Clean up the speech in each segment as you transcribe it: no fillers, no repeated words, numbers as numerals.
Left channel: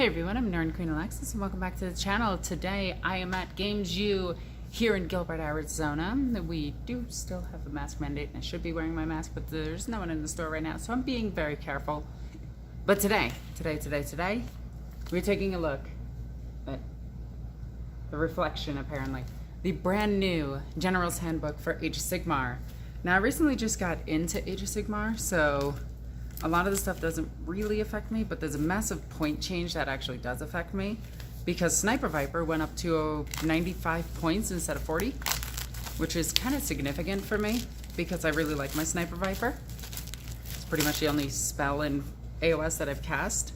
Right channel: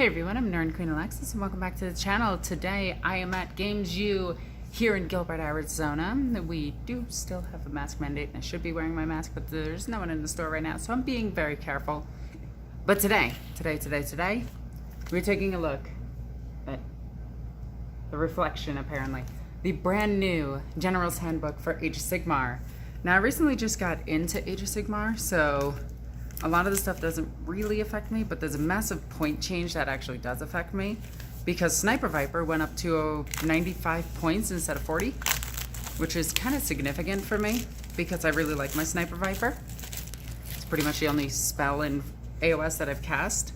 Hey everyone, I'm NornQueenAlexis and welcome back to the channel. Today I am at Games U here in Gilbert, Arizona. We do still have a mask mandate and I should be wearing my mask, but there's no one in the store right now, so I'm being very careful. But today, we're taking a look at the reflection, apparently. The brand new General's Handbook for Age of Sigmar. Now I recently just got into Age of Sigmar, so a lot of the stuff doesn't really affect me, but there's a massive point change that actually does affect me because Sniper Viper went up to 95 points instead of 40, which is kind of significant for me because I really like my Sniper Viper. It's pretty much the only spell in AOS that I've cast.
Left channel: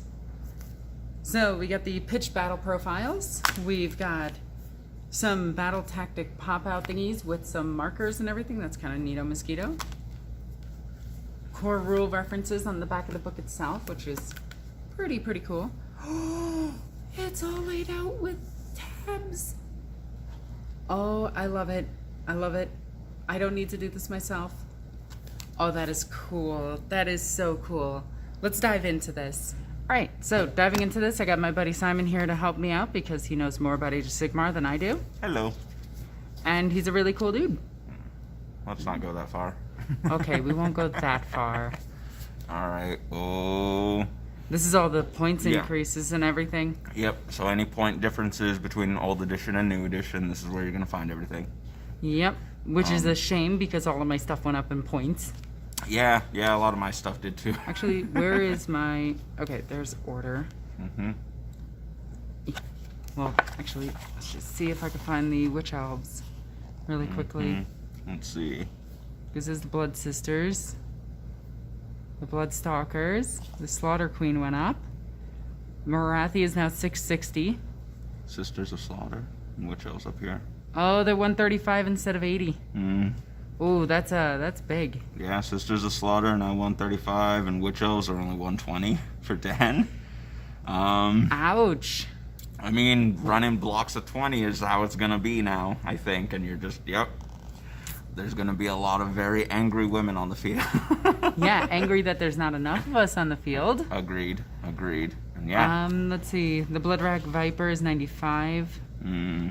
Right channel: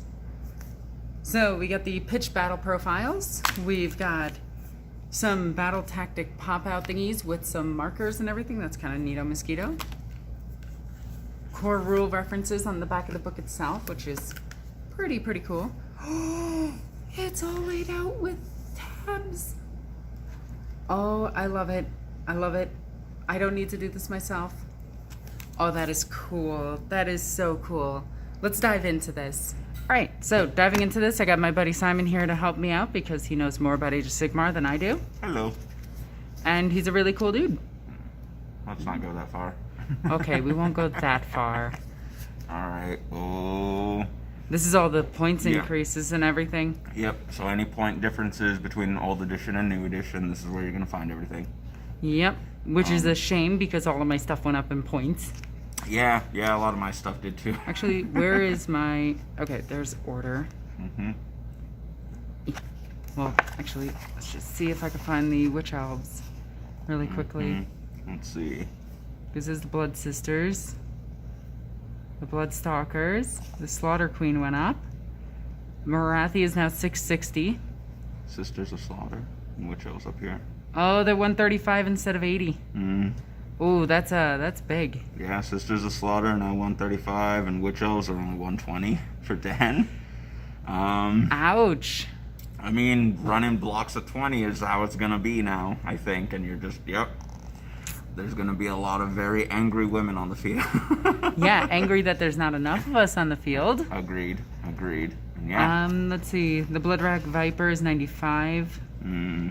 So we got the pitch battle profiles. We've got some battle tactic pop-out thingies with some markers and everything. That's kind of neato mosquito. Core rule references on the back of the book itself, which is pretty cool. It's all laid out with tabs. Oh, I love it. I love it. I don't need to do this myself. Oh, that is cool. That is so cool. Let's dive into this. All right, so diving into this, I got my buddy Simon here to help me out because he knows more about Age of Sigmar than I do. Hello. And he's a really cool dude. Let's not go that far. Okay, we won't go that far. Alright, oh. This is all the points increases and everything. Yep, so any point differences between old edition and new edition, this is where you're going to find everything. Yep, which is a shame because all of my stuff went up in points. Yeah, a lot of my stuff did too. Actually, where is my... Okay, there's order. Well, actually, let's just see if I can find the Witch Elves really quickly. Let's see. This is the Blood Sisters, the Blood Stalkers, the Slaughter Queen went up. Marathi is now 660. Sisters of Slaughter. And which else up here? Oh, they're 135 instead of 80. Ooh, that's big. Yeah, Sisters of Slaughter are now 135, and Witch Elves are only 120 for Dan. Ouch. I mean, running blocks of 20 is how it's gonna be now, I think, and you're just, yep. There's going to be a lot of very angry women on the field. Yeah, angry that there's not enough of us on the field. Agreed. And yeah. Let's see. The Bloodrack Viper is 95.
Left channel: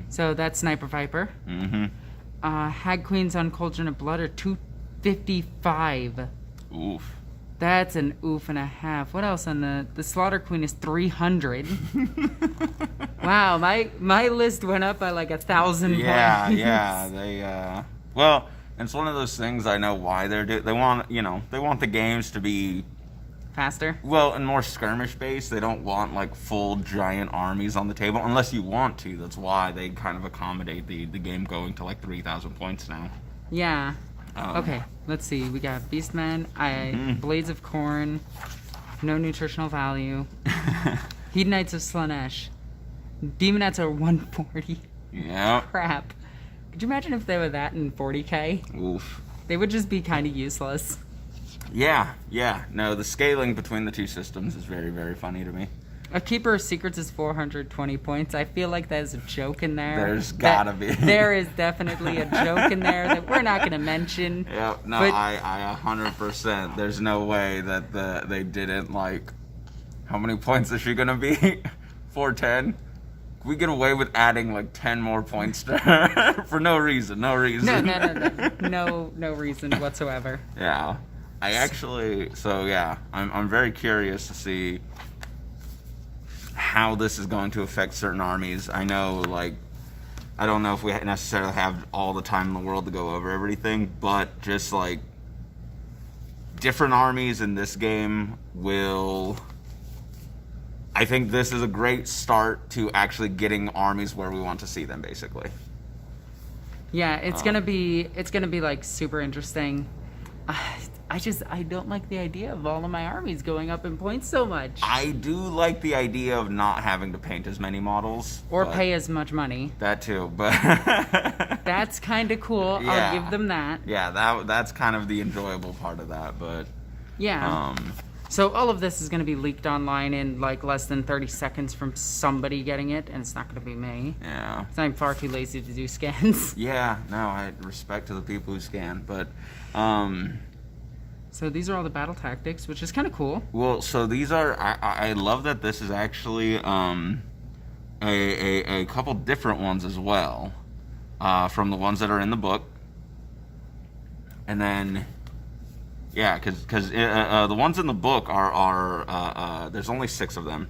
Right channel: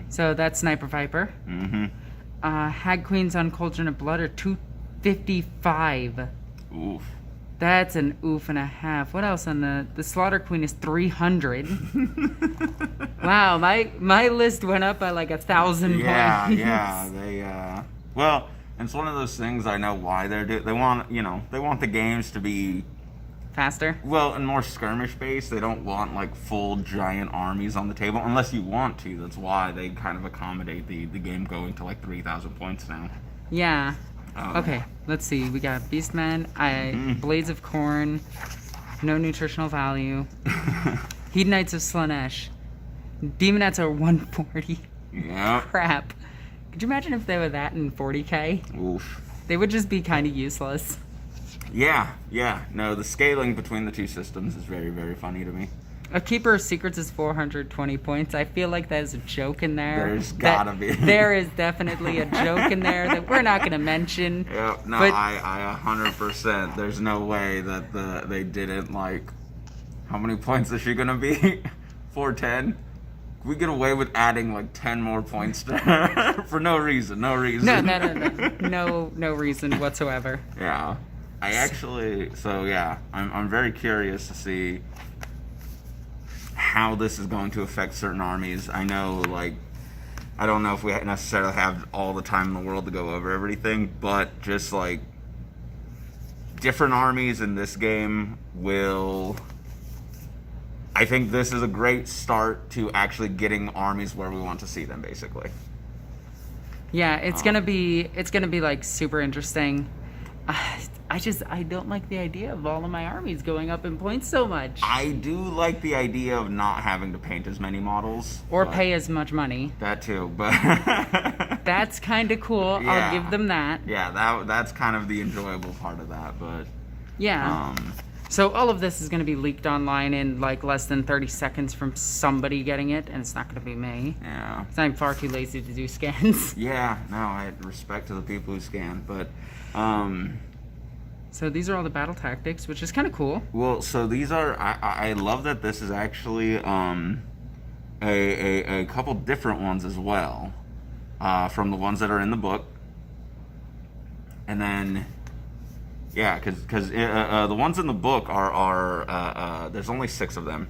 So that's Sniper Viper. Hag Queens on Cauldron of Blood are 255. Oof. That's an oof and a half. What else on the Slaughter Queen is 300. Wow, my list went up by like 1,000 points. Yeah, they well, it's one of those things. I know why they want the games to be faster. Well, and more skirmish based. They don't want like full giant armies on the table unless you want to. That's why they kind of accommodate the game going to like 3,000 points now. Yeah. Okay, let's see. We got Beastmen, Blades of Corn, no nutritional value. Hedonites of Slanesh. Demonettes are 140. Yeah. Crap. Could you imagine if they were that in 40k? Oof. They would just be kind of useless. Yeah. No, the scaling between the two systems is very funny to me. A Keeper of Secrets is 420 points. I feel like there's a joke in there. There's gotta be. There is definitely a joke in there that we're not going to mention. Yeah, no, but I 100%. There's no way that they didn't, like, how many points is she going to be? 410? We get away with adding like 10 more points to her for no reason. No reason whatsoever. Yeah, I'm very curious to see how this is going to affect certain armies. I know, like, I don't know if we necessarily have all the time in the world to go over everything, but just like different armies in this game will. I think this is a great start to actually getting armies where we want to see them, basically. Yeah, it's gonna be like super interesting. I don't like the idea of all of my armies going up in points so much. I do like the idea of not having to paint as many models. Or pay as much money. That too, but... That's kind of cool. Yeah. I'll give them that. Yeah, that's kind of the enjoyable part of that, but... Yeah. So all of this is going to be leaked online in like less than 30 seconds from somebody getting it, and it's not going to be me. Yeah. I'm far too lazy to do scans. Yeah, no, I respect to the people who scan, but... So these are all the battle tactics, which is kind of cool. Well, so these are... I love that this is actually a couple different ones as well from the ones that are in the book. And then... Yeah, because the ones in the book are there's only 6 of them.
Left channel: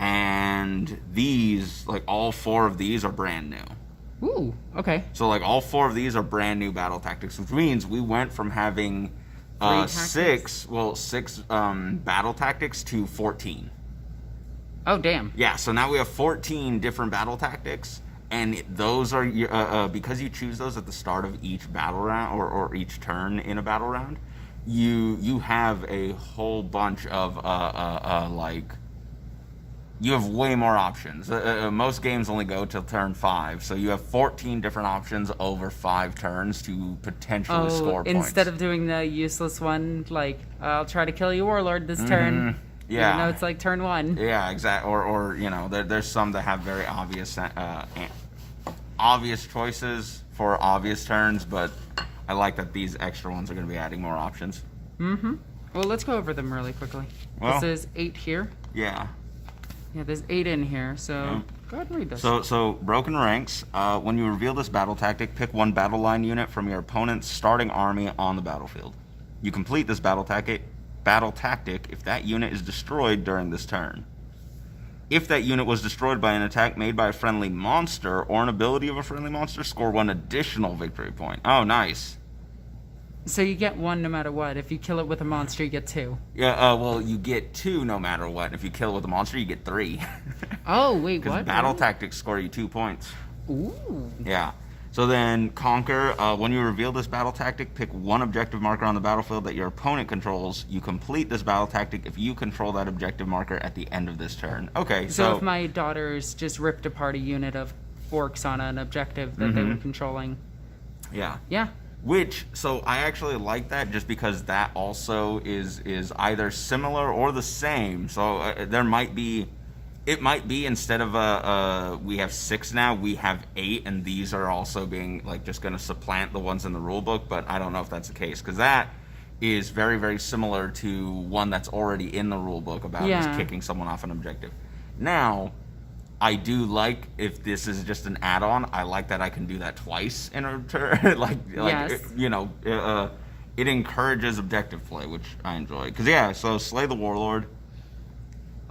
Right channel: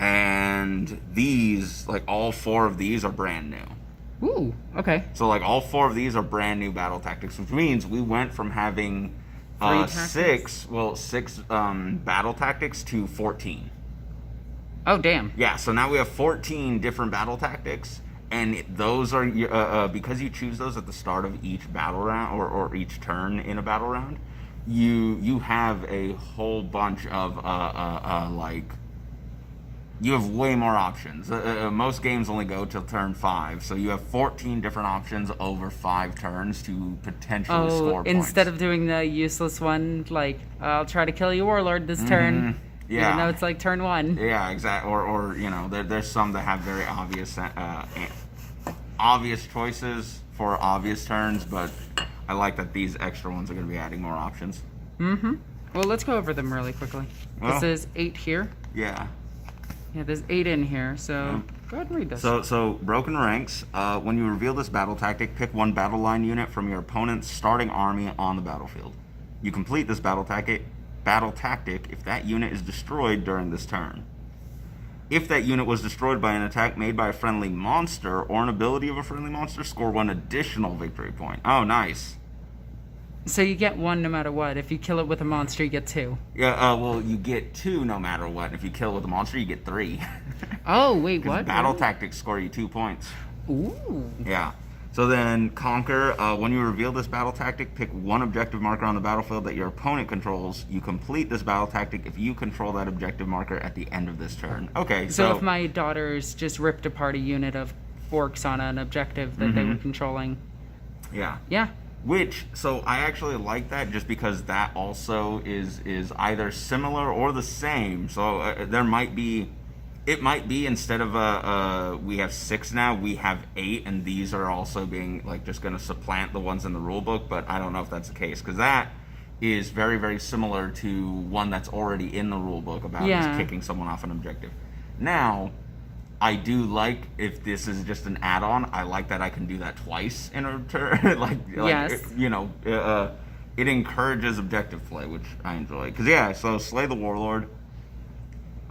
And these, like, all 4 of these are brand new. Ooh, okay. So, like, all 4 of these are brand new battle tactics, which means we went from having 6 battle tactics to 14. Oh, damn. Yeah, so now we have 14 different battle tactics, and those are, because you choose those at the start of each battle round, or each turn in a battle round, you have a whole bunch of, you have way more options. Most games only go till turn 5, so you have 14 different options over 5 turns to potentially score points. Instead of doing the useless one, like, I'll try to kill you Warlord this turn. Yeah. Even though it's like turn 1. Yeah, exactly. Or you know, there's some that have very obvious choices for obvious turns, but I like that these extra ones are going to be adding more options. Mm-hmm. Well, let's go over them really quickly. Well, this is 8 here. Yeah. Yeah, there's 8 in here, so go ahead and read this. So broken ranks. When you reveal this battle tactic, pick 1 battle line unit from your opponent's starting army on the battlefield. You complete this battle tactic if that unit is destroyed during this turn. If that unit was destroyed by an attack made by a friendly monster or an ability of a friendly monster, score 1 additional victory point. Oh, nice. So you get 1 no matter what. If you kill it with a monster, you get 2. Yeah, well, you get 2 no matter what. If you kill it with a monster, you get 3. Oh, wait, what? Battle tactics score you 2 points. Ooh. Yeah. So then, Conquer. When you reveal this battle tactic, pick 1 objective marker on the battlefield that your opponent controls. You complete this battle tactic if you control that objective marker at the end of this turn. Okay, So if my daughters just ripped apart a unit of Orks on an objective that they were controlling. Yeah. Yeah. Which, so I actually like that just because that also is either similar or the same. So there might be... It might be instead of we have 6 now, we have 8, and these are also being like just going to supplant the ones in the rule book. But I don't know if that's the case, because that is very, very similar to one that's already in the rule book about just kicking someone off an objective. Now, I do like, if this is just an add-on, I like that I can do that twice in a turn. Yes. You know, it encourages objective play, which I enjoy. Because so Slay the Warlord.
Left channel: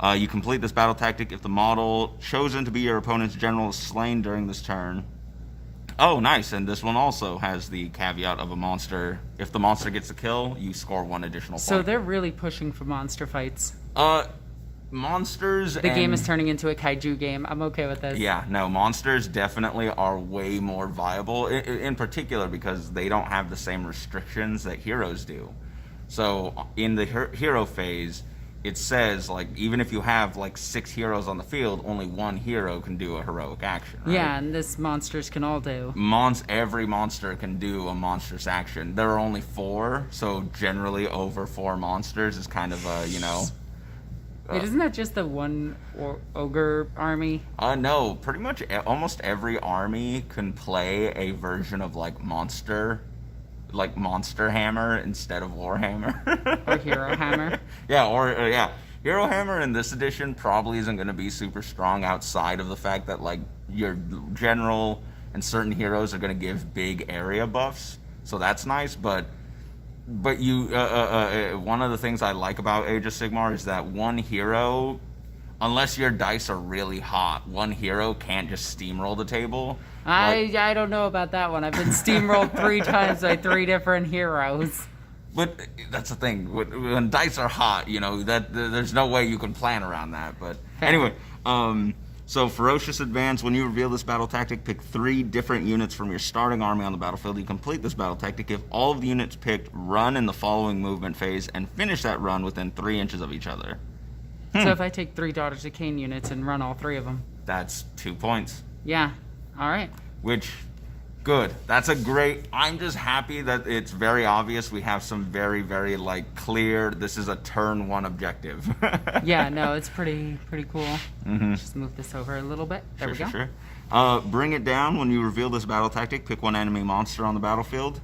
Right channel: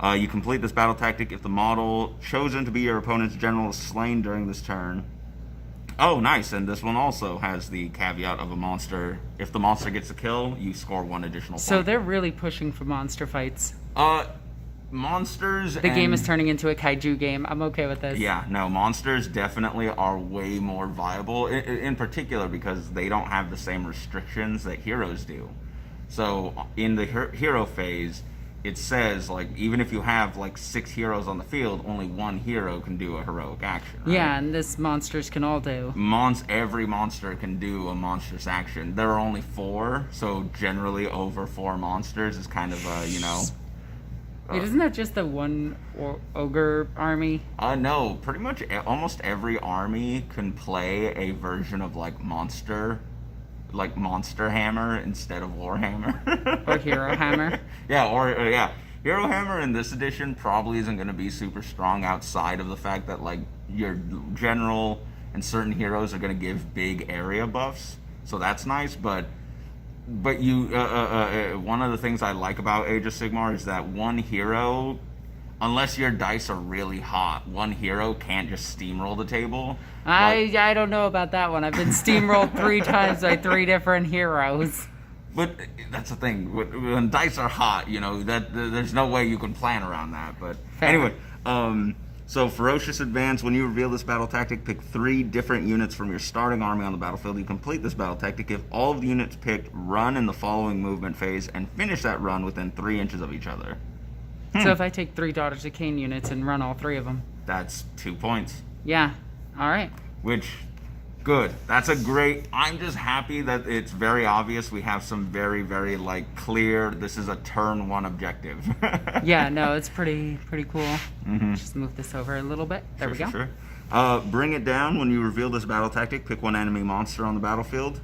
You complete this battle tactic if the model chosen to be your opponent's general is slain during this turn. Oh, nice. And this one also has the caveat of a monster. If the monster gets a kill, you score 1 additional point. So they're really pushing for monster fights. Monsters... The game is turning into a kaiju game. I'm okay with this. Yeah, no, monsters definitely are way more viable, in particular because they don't have the same restrictions that heroes do. So in the hero phase... It says, like, even if you have, like, 6 heroes on the field, only 1 hero can do a heroic action. Right? Yeah, and this monsters can all do. Every monster can do a monstrous action. There are only 4, so generally over 4 monsters is kind of a, you know... Wait, isn't that just the one ogre army? No, pretty much almost every army can play a version of, like, Monster Hammer instead of Warhammer. Or Hero Hammer. Yeah, Hero Hammer in this edition probably isn't going to be super strong outside of the fact that, like, your general and certain heroes are going to give big area buffs. So that's nice, but you one of the things I like about Age of Sigmar is that one hero, unless your dice are really hot, one hero can't just steamroll the table. I don't know about that one. I've been steamrolled 3 times by 3 different heroes. But that's the thing. When dice are hot, you know, that there's no way you can plan around that. But anyway, so Ferocious Advance. When you reveal this battle tactic, pick 3 different units from your starting army on the battlefield. You complete this battle tactic if all of the units picked run in the following movement phase and finish that run within 3 inches of each other. So if I take 3 Daughters of Cain units and run all 3 of them. That's 2 points. Yeah. All right. Which, good. That's a great... I'm just happy that it's very obvious we have some very, very, like, clear... This is a turn 1 objective. Yeah, no, it's pretty cool. Just move this over a little bit. There we go. Sure. Bring it down. When you reveal this battle tactic, pick 1 enemy monster on the battlefield.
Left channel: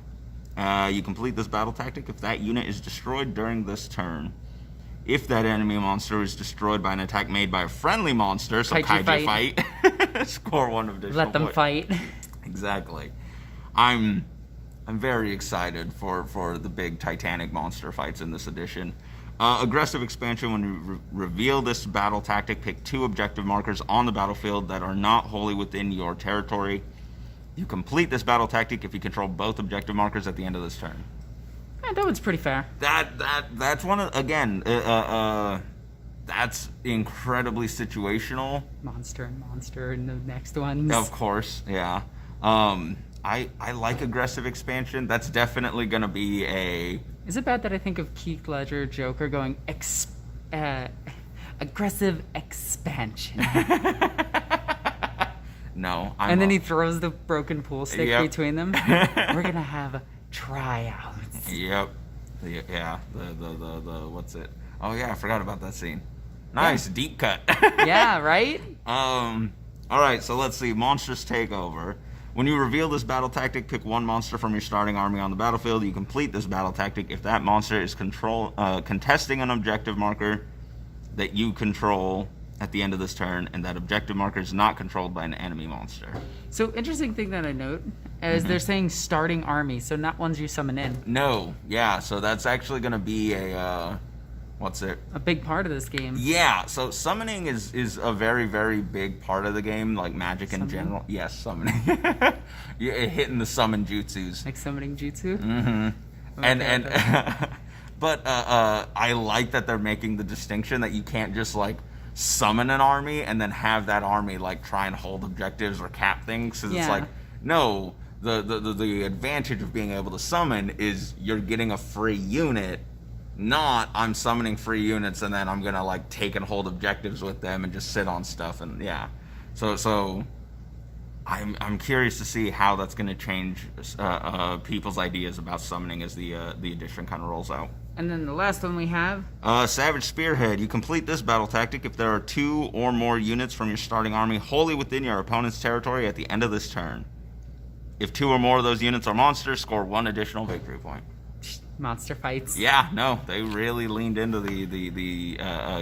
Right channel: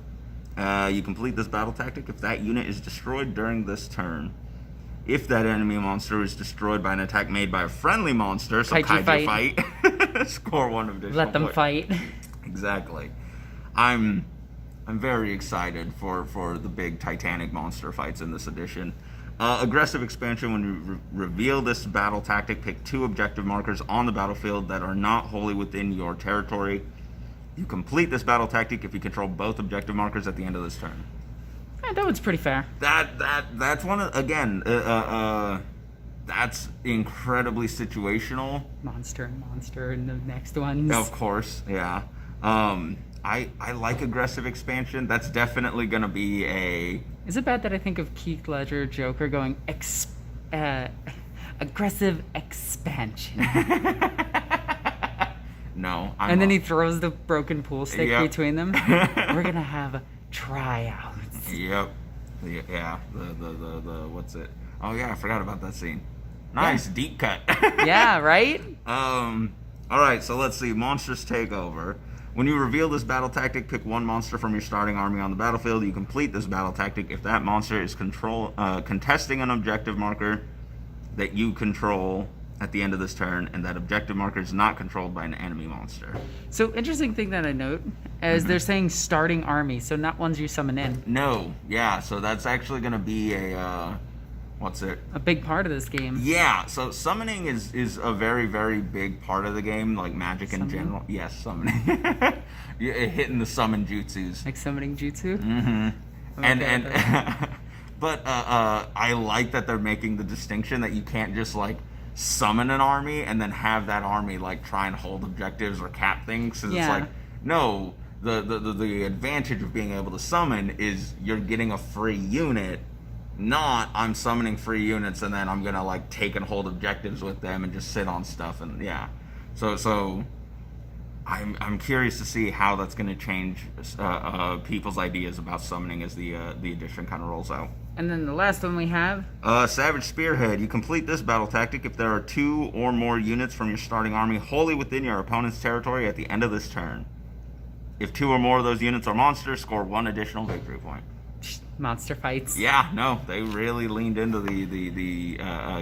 You complete this battle tactic if that unit is destroyed during this turn. If that enemy monster is destroyed by an attack made by a friendly monster, so kaiju fight, score 1 additional. Let them fight. Exactly. I'm very excited for the big Titanic monster fights in this edition. Aggressive expansion. When you reveal this battle tactic, pick 2 objective markers on the battlefield that are not wholly within your territory. You complete this battle tactic if you control both objective markers at the end of this turn. Yeah, that one's pretty fair. That's one of, again, that's incredibly situational. Monster and the next ones. Of course, yeah. I like aggressive expansion. That's definitely going to be a... Is it bad that I think of Keith Ledger Joker going aggressive expansion? No. And then he throws the broken pool stick between them. We're going to have tryouts. Yep. Yeah. The what's it? Oh yeah, I forgot about that scene. Nice deep cut. Yeah, right? All right, so let's see. Monsters take over. When you reveal this battle tactic, pick 1 monster from your starting army on the battlefield. You complete this battle tactic if that monster is contesting an objective marker that you control at the end of this turn, and that objective marker is not controlled by an enemy monster. So, interesting thing that I note is they're saying starting army, so not ones you summon in. No, yeah, so that's actually going to be a, what's it? A big part of this game. Yeah, so summoning is a very, very big part of the game, like Magic in general. Yes, summoning. Hitting the summon jutsus. Like summoning jutsu? Mm-hmm. Okay, but I like that they're making the distinction that you can't just, like, summon an army and then have that army like try and hold objectives or cap things. It's like, no, the advantage of being able to summon is you're getting a free unit, not I'm summoning free units and then I'm gonna like take and hold objectives with them and just sit on stuff. And so I'm curious to see how that's gonna change people's ideas about summoning as the edition kind of rolls out. And then the last one we have... Savage Spearhead. You complete this battle tactic if there are 2 or more units from your starting army wholly within your opponent's territory at the end of this turn. If 2 or more of those units are monsters, score 1 additional victory point. Monster fights. Yeah, no, they really leaned into the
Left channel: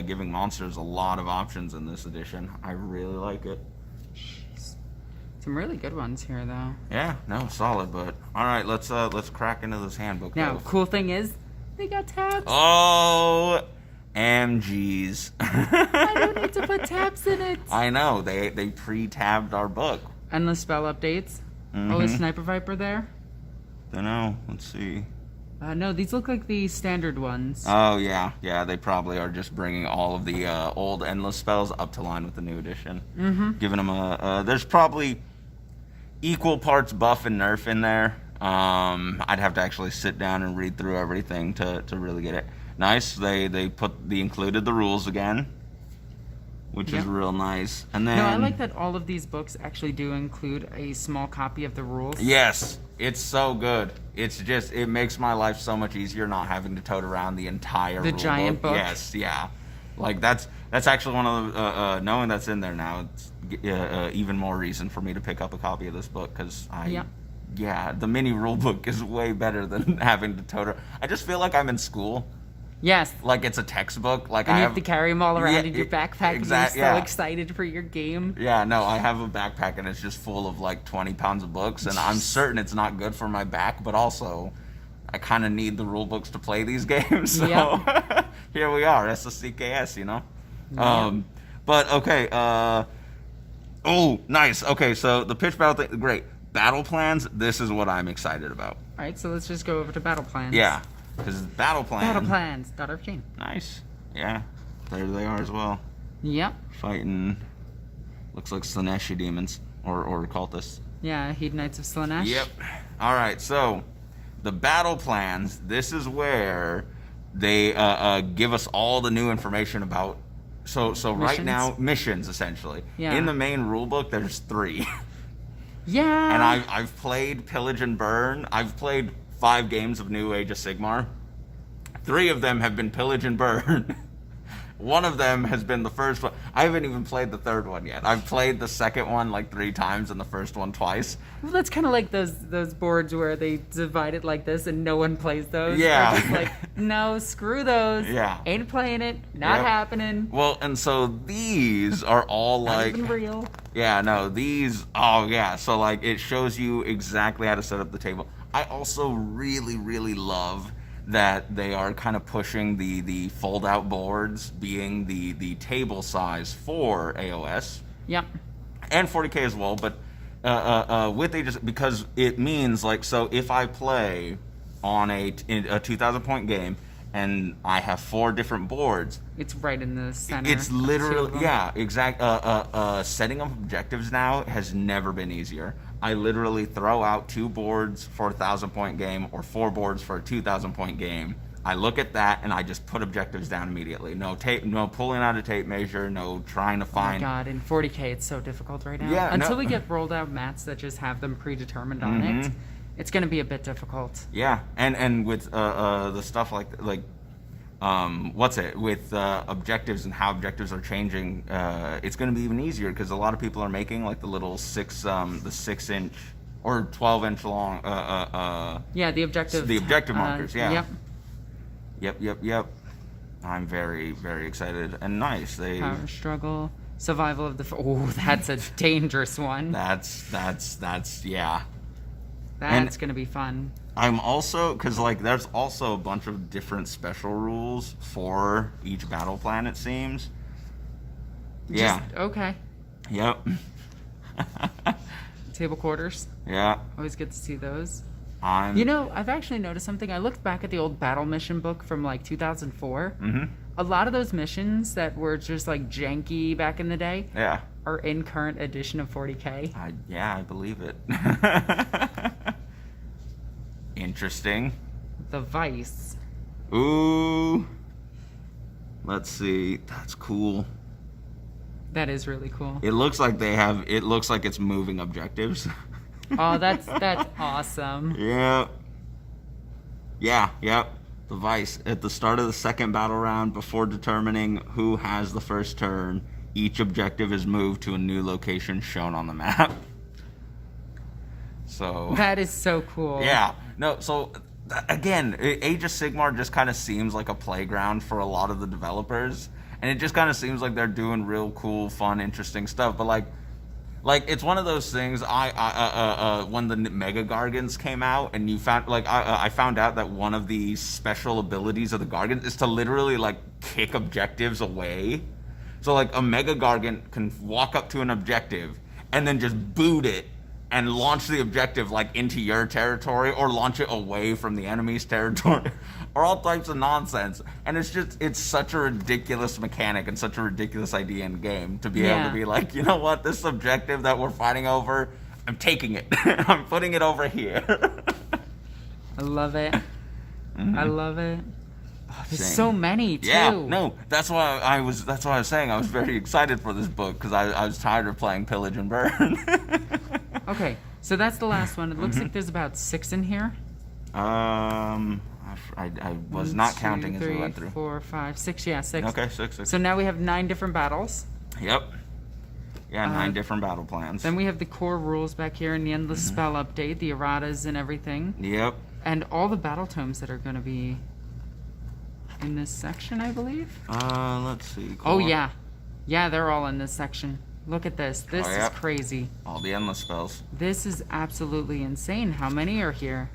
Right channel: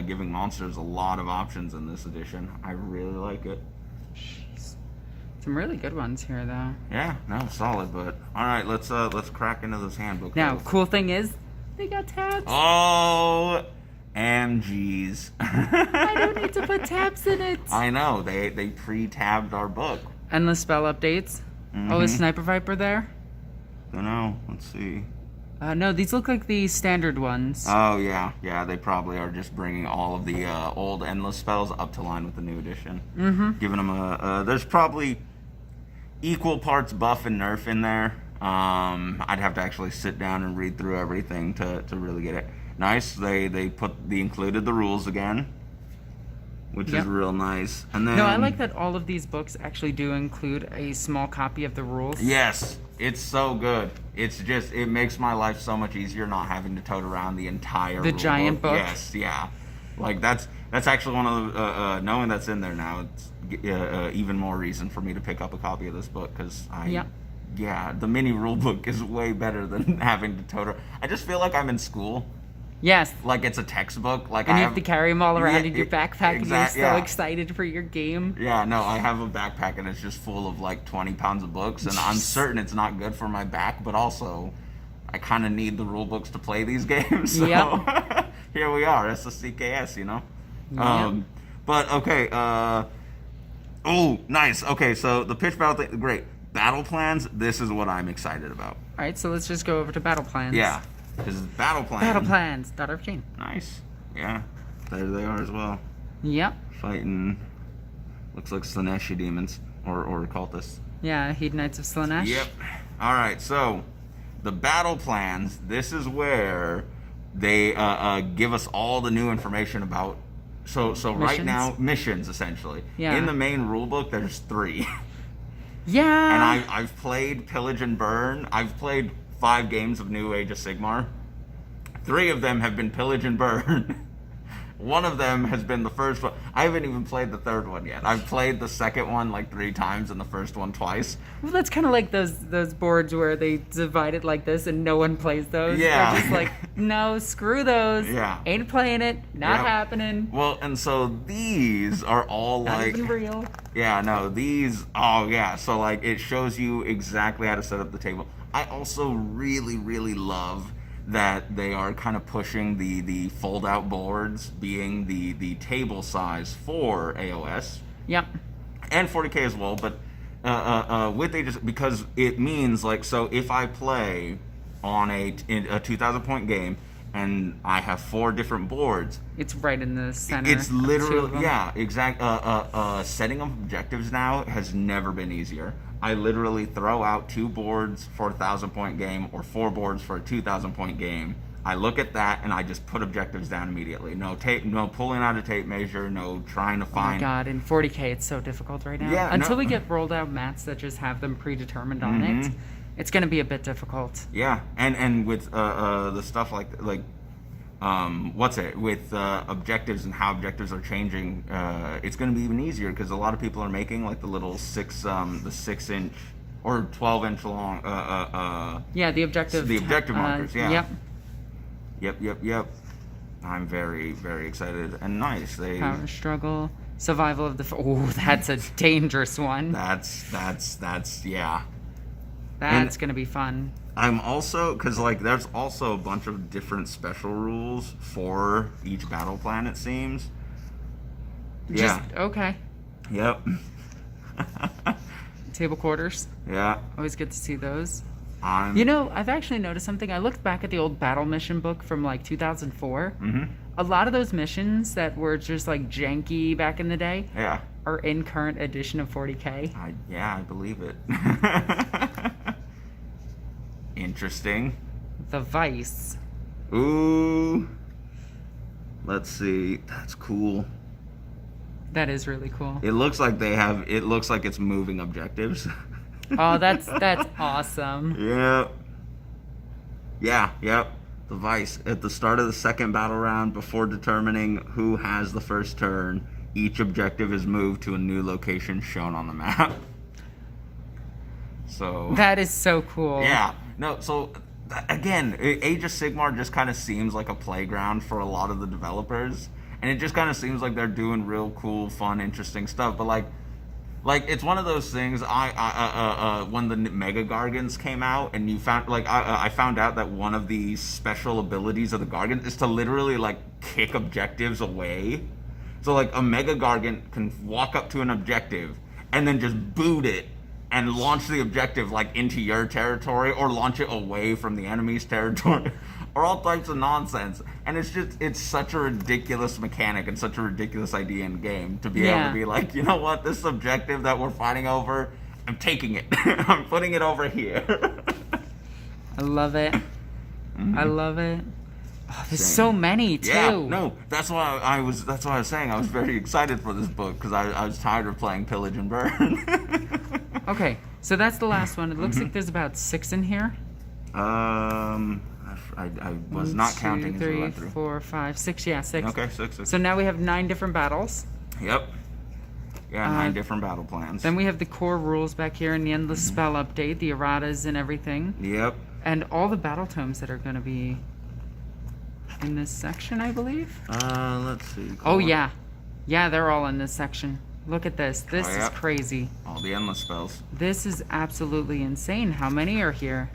giving monsters a lot of options in this edition. I really like it. Jeez. Some really good ones here, though. Yeah, no, solid. But all right, let's crack into this handbook. Now, cool thing is, they got tabs. Oh, MGs. I don't need to put tabs in it. I know. They pre-tabbed our book. Endless spell updates. Oh, is Sniper Viper there? Dunno. Let's see. No, these look like the standard ones. Oh, yeah. Yeah, they probably are just bringing all of the old Endless spells up to line with the new edition. Giving them a... there's probably equal parts buff and nerf in there. I'd have to actually sit down and read through everything to really get it. Nice. They included the rules again, which is real nice. And then I like that all of these books actually do include a small copy of the rules. Yes, it's so good. It's just it makes my life so much easier not having to tote around the entire giant book. Yes, yeah. Like that's actually one of the knowing that's in there now. It's even more reason for me to pick up a copy of this book because yeah, the mini rule book is way better than having to tote. I just feel like I'm in school. Yes. Like it's a textbook. Like and you have to carry them all around in your backpack and you're so yeah. excited for your game. Yeah, no, I have a backpack and it's just full of like 20 pounds of books and I'm certain it's not good for my back, but also I kind of need the rule books to play these games. So here we are. That's the CKS, you know? Yep. But okay, oh, nice. Okay, so the pitch battle thing, great. Battle plans, this is what I'm excited about. All right, so let's just go over to battle plans. Yeah, because battle plans. Battle plans, .15. Nice. Yeah, there they are as well. Yep. Fighting, looks like Slaneshi demons or cultists. Yeah, Hedonites of Slanesh. Yep. All right, so the battle plans, this is where they give us all the new information about. So missions? Right now, missions essentially. Yeah. In the main rulebook, there's 3. Yeah. And I've played Pillage and Burn. I've played 5 games of New Age of Sigmar. 3 of them have been Pillage and Burn. One of them has been the first one. I haven't even played the third one yet. I've played the second one like 3 times and the first one twice. Well, that's kind of like those boards where they divide it like this and no one plays those. Yeah. They're just like, no, screw those. Yeah. Ain't playing it. Not happening. Well, and so these are all Not like... even real. Yeah, no, these... Oh, yeah. So, like, it shows you exactly how to set up the table. I also really, really love that they are kind of pushing the fold-out boards being the table size for AOS. Yep. And 40K as well, but with Aegis, because it means, like, so if I play on a 2,000-point game and I have 4 different boards... It's right in the center. It's literally, yeah, exact. Setting up objectives now has never been easier. I literally throw out 2 boards for a 1,000-point game or 4 boards for a 2,000-point game. I look at that and I just put objectives down immediately. No tape, no pulling out a tape measure, no trying to find. Oh my god, in 40K it's so difficult right now. Yeah, Until we get rolled out mats that just have them predetermined on it, it's going to be a bit difficult. Yeah, and with the stuff like with objectives and how objectives are changing, it's going to be even easier because a lot of people are making like the little 6-inch or 12-inch long Yeah, the objective markers. Yeah. Yep. Yep. I'm very, very excited and nice. Power struggle, survival of the. Oh, that's a dangerous one. That's yeah. That's going to be fun. I'm also, because like there's also a bunch of different special rules for each battle plan, it seems. Yeah. Okay. Yep. Table quarters. Yeah. Always good to see those. I'm... You know, I've actually noticed something. I looked back at the old battle mission book from like 2004. Mm-hmm. A lot of those missions that were just like janky back in the day Yeah. are in current edition of 40K. I believe it. Interesting. The Vice. Ooh. Let's see. That's cool. That is really cool. It looks like it looks like it's moving objectives. Oh, that's awesome. Yep. The Vice. At the start of the second battle round, before determining who has the first turn, each objective is moved to a new location shown on the map. So that is so cool. Yeah. No, so again, Age of Sigmar just kind of seems like a playground for a lot of the developers, and it just kind of seems like they're doing real cool, fun, interesting stuff. But like it's one of those things. When the Mega Gargants came out, and you found I found out that one of the special abilities of the Gargant is to literally like kick objectives away. So like a Mega Gargant can walk up to an objective and then just boot it and launch the objective like into your territory or launch it away from the enemy's territory or all types of nonsense. And it's such a ridiculous mechanic and such a ridiculous idea in game to be able to be like, you know what, this objective that we're fighting over, I'm taking it. I'm putting it over here. I love it. Mm-hmm. I love it. Oh, there's so many too. Yeah, no, that's why I was saying I was very excited for this book because I was tired of playing Pillage and Burn. Okay, so that's the last one. It looks like there's about 6 in here. I was not counting as we went through. 3, 4, 5, 6. Yeah, 6. Okay, 6. So now we have 9 different battles. Yep. Yeah, 9 different battle plans. Then we have the core rules back here and the endless spell update, the erratas and everything. Yep. And all the battle tomes that are going to be in this section, I believe. Let's see. Core. Oh, yeah. Yeah, they're all in this section. Look at this. This is crazy. All the endless spells. This is absolutely insane. How many are here?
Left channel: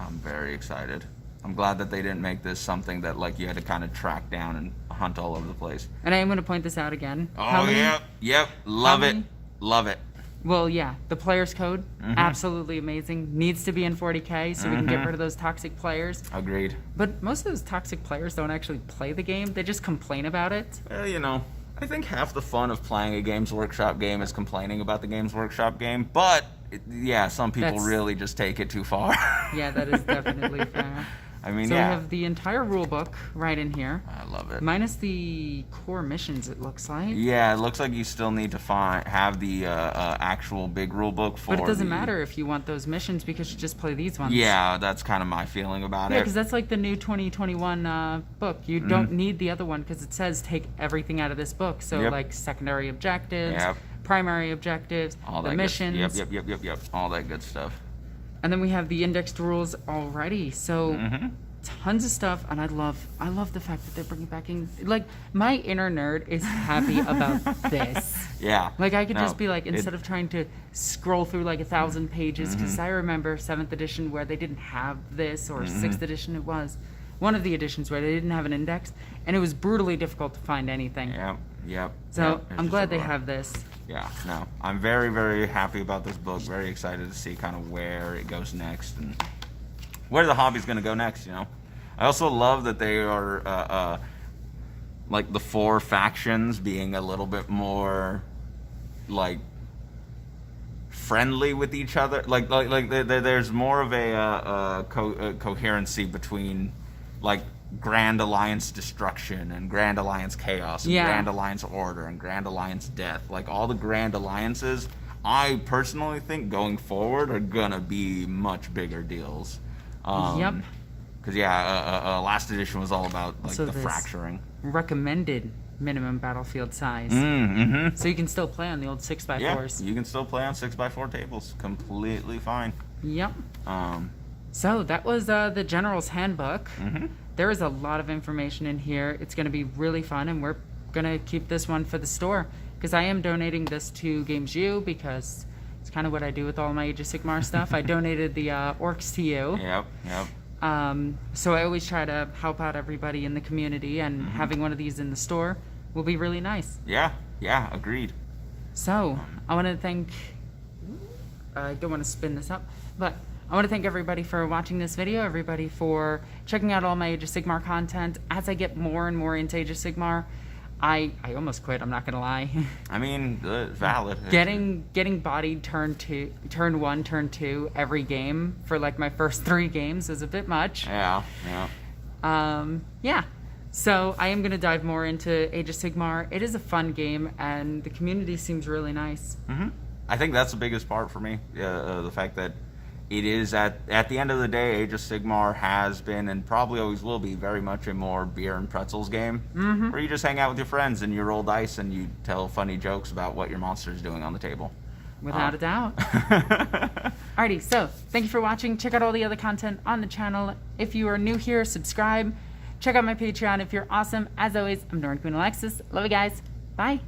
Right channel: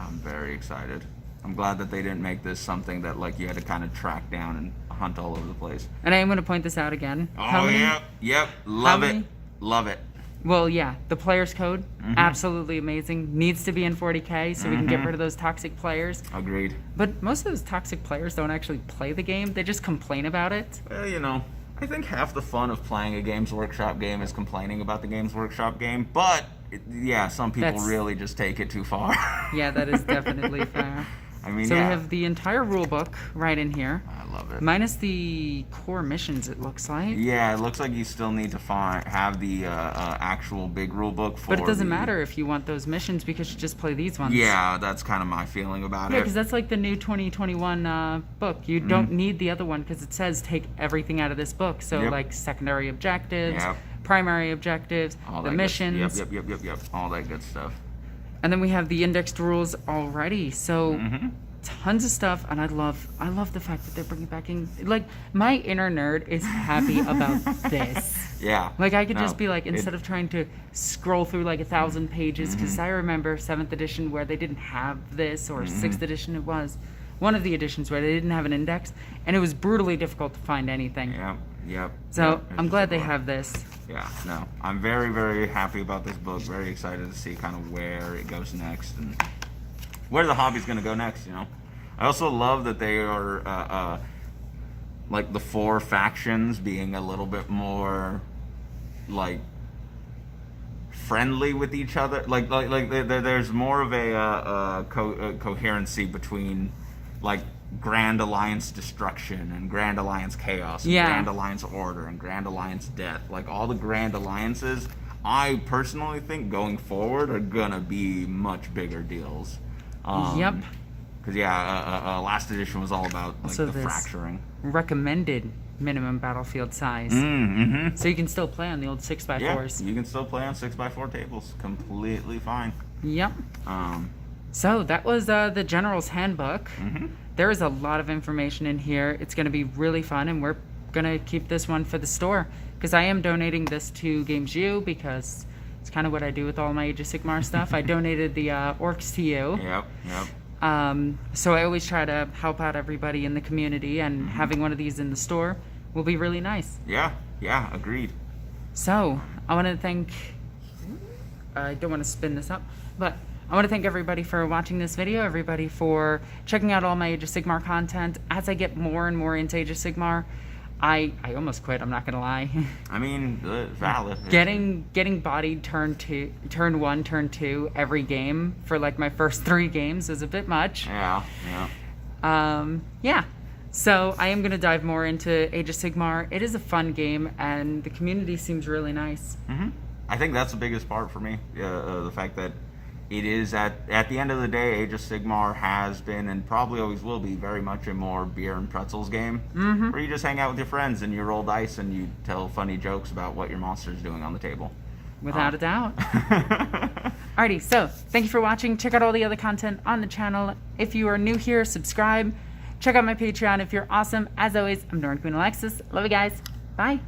I'm very excited. I'm glad that they didn't make this something that like you had to kind of track down and hunt all over the place. And I am going to point this out again. Oh, How many? Yep. Love it. Love it. Well, yeah, the player's code, absolutely amazing. Needs to be in 40K so we can get rid of those toxic players. Agreed. But most of those toxic players don't actually play the game. They just complain about it. Well, you know, I think half the fun of playing a Games Workshop game is complaining about the Games Workshop game. But, some people really just take it too far. Yeah, that is definitely fair. I mean, so yeah. we have the entire rule book right in here. I love it. Minus the core missions, it looks like. Yeah, it looks like you still need to have the actual big rule book for. But it doesn't matter if you want those missions because you just play these ones. Yeah, that's kind of my feeling about it. Yeah, because that's like the new 2021 book. You don't need the other one because it says take everything out of this book. So like secondary objectives, primary objectives, all the that missions. Yep. All that good stuff. And then we have the indexed rules already. So tons of stuff, and I love the fact that they're bringing back in. Like, my inner nerd is happy about this. Yeah. Like, I could just be like, instead of trying to scroll through like 1,000 pages, because I remember 7th edition where they didn't have this, or 6th edition it was. One of the editions where they didn't have an index, and it was brutally difficult to find anything. Yep. So I'm glad they have this. Yeah, no, I'm very, very happy about this book. Very excited to see kind of where it goes next and where the hobby's going to go next, you know. I also love that they are, like, the 4 factions being a little bit more, like, friendly with each other. Like there's more of a coherency between, like, Grand Alliance Destruction and Grand Alliance Chaos and Grand Alliance Order and Grand Alliance Death. Like, all the Grand Alliances, I personally think going forward are gonna be much bigger deals. Because last edition was all about like also the fracturing. Recommended minimum battlefield size. So you can still play on the old 6x4s. Yeah, you can still play on 6x4 tables completely fine. Yep. So that was the General's Handbook. There is a lot of information in here. It's going to be really fun, and we're going to keep this one for the store because I am donating this to Games U because it's kind of what I do with all my Age of Sigmar stuff. I donated the Orks to you. Yep. So I always try to help out everybody in the community, and having one of these in the store will be really nice. Yeah, agreed. So I want to thank, I don't want to spin this up, but I want to thank everybody for watching this video, everybody for checking out all my Age of Sigmar content. As I get more and more into Age of Sigmar, I almost quit, I'm not going to lie. I mean, valid. Getting bodied turn 1, turn 2 every game for like my first 3 games is a bit much. Yeah. So I am going to dive more into Age of Sigmar. It is a fun game, and the community seems really nice. I think that's the biggest part for me. The fact that it is at the end of the day, Age of Sigmar has been and probably always will be very much a more beer and pretzels game, where you just hang out with your friends and you roll dice and you tell funny jokes about what your monster is doing on the table. Without a doubt. Alrighty, so thank you for watching. Check out all the other content on the channel. If you are new here, subscribe. Check out my Patreon if you're awesome. As always, I'm NornQueenAlexis. Love you guys. Bye.